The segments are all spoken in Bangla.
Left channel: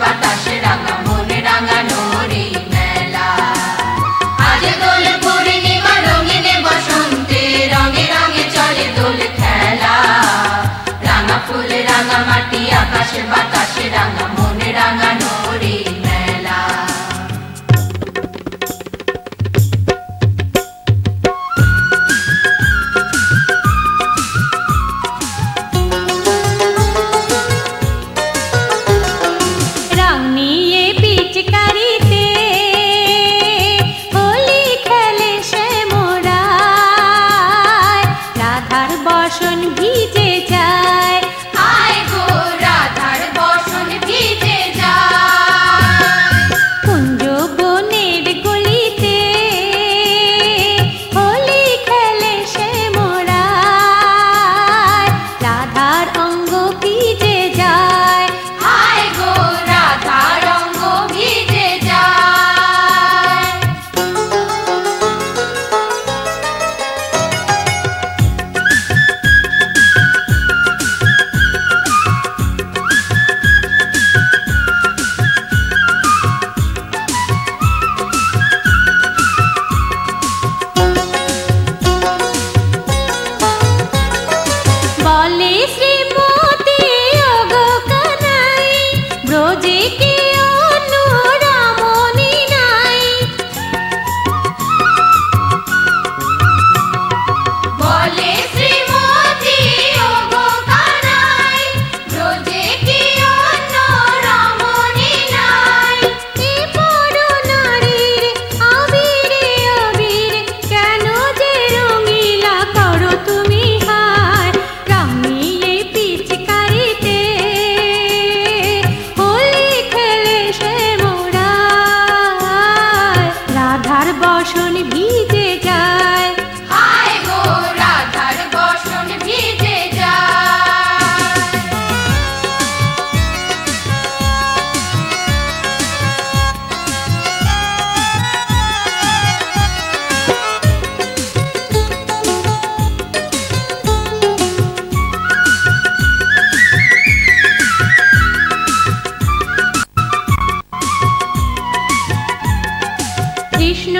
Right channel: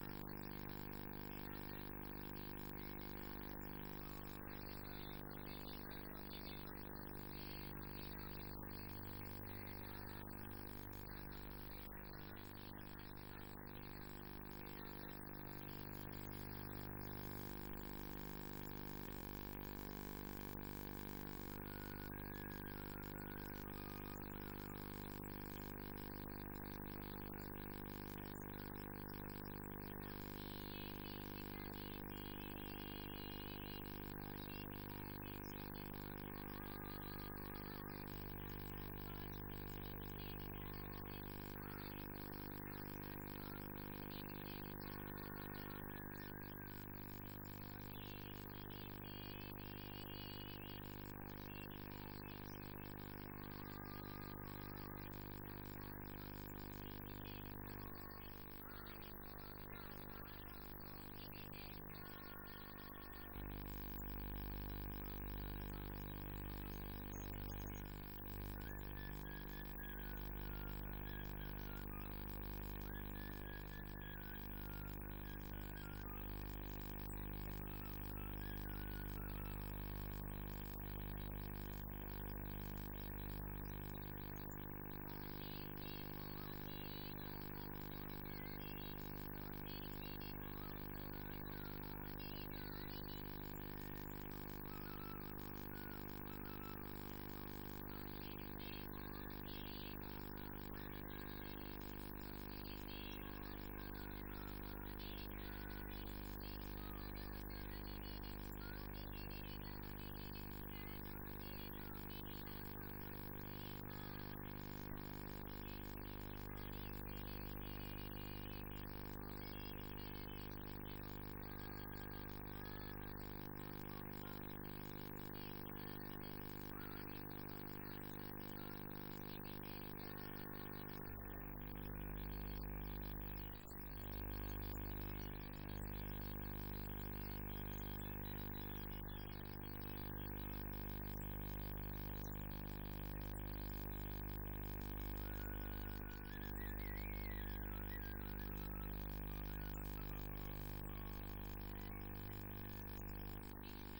বাতাসে রাঙা, মনে রাঙানো রে মেলা। আজ দোল পূর্ণিমা, রঙিনে বসন্তে, রঙে রঙে চলে দোল খেলা। রাঙা ফুল, রাঙা মাটি, আকাশে শাসন ভি কৃষ্ণ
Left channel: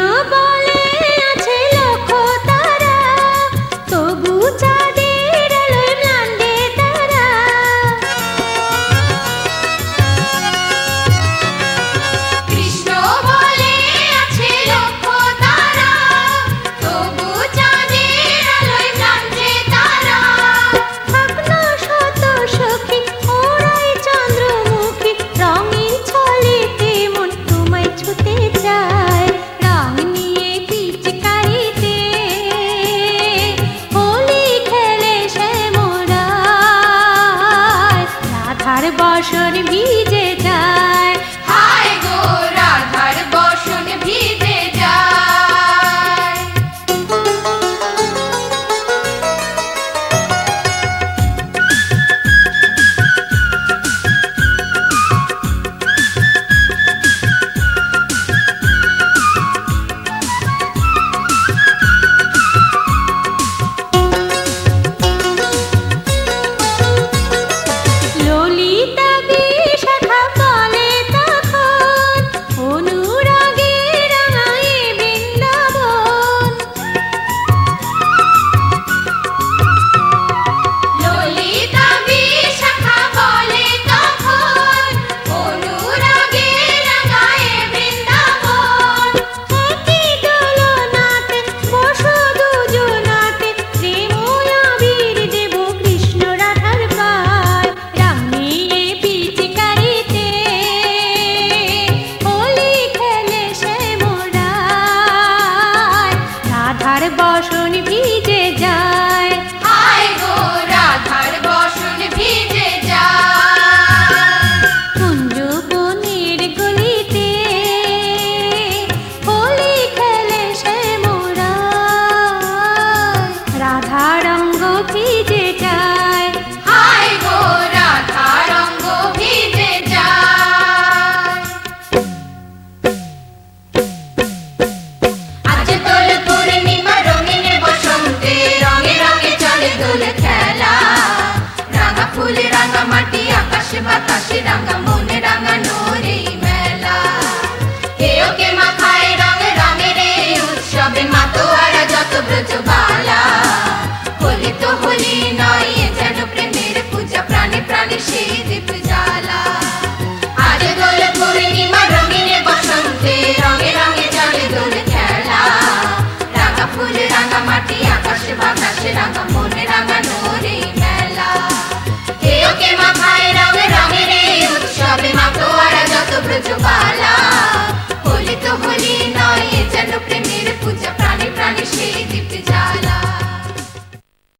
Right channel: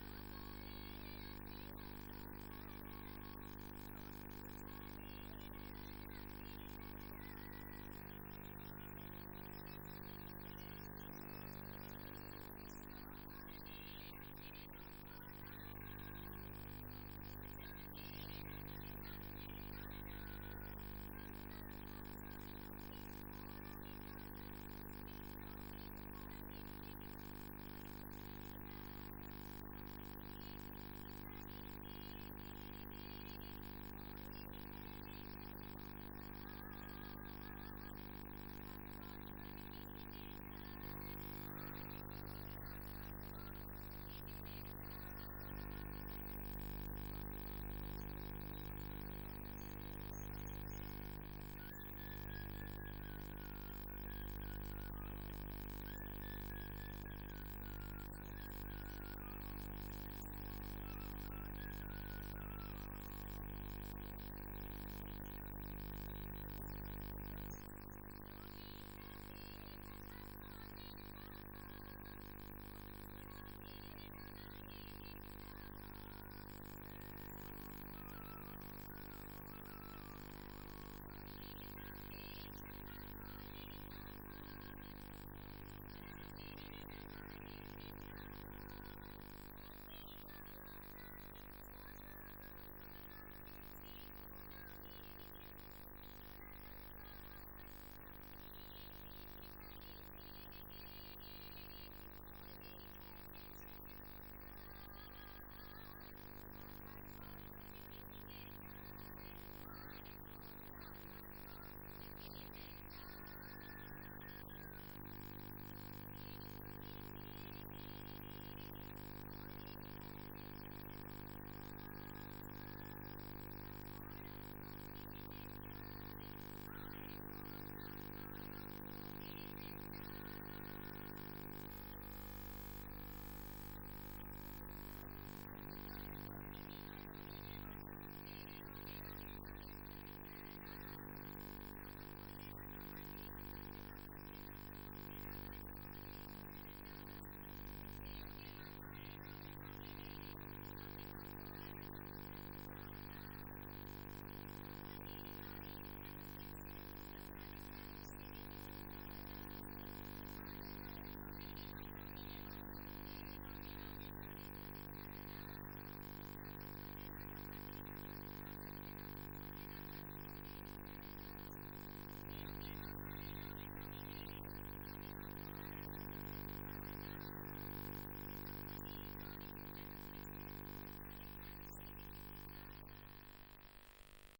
ফুলে খেলা। রাঙা ফুলে রাঙা মাটি আকাশে বাতাসে রাঙা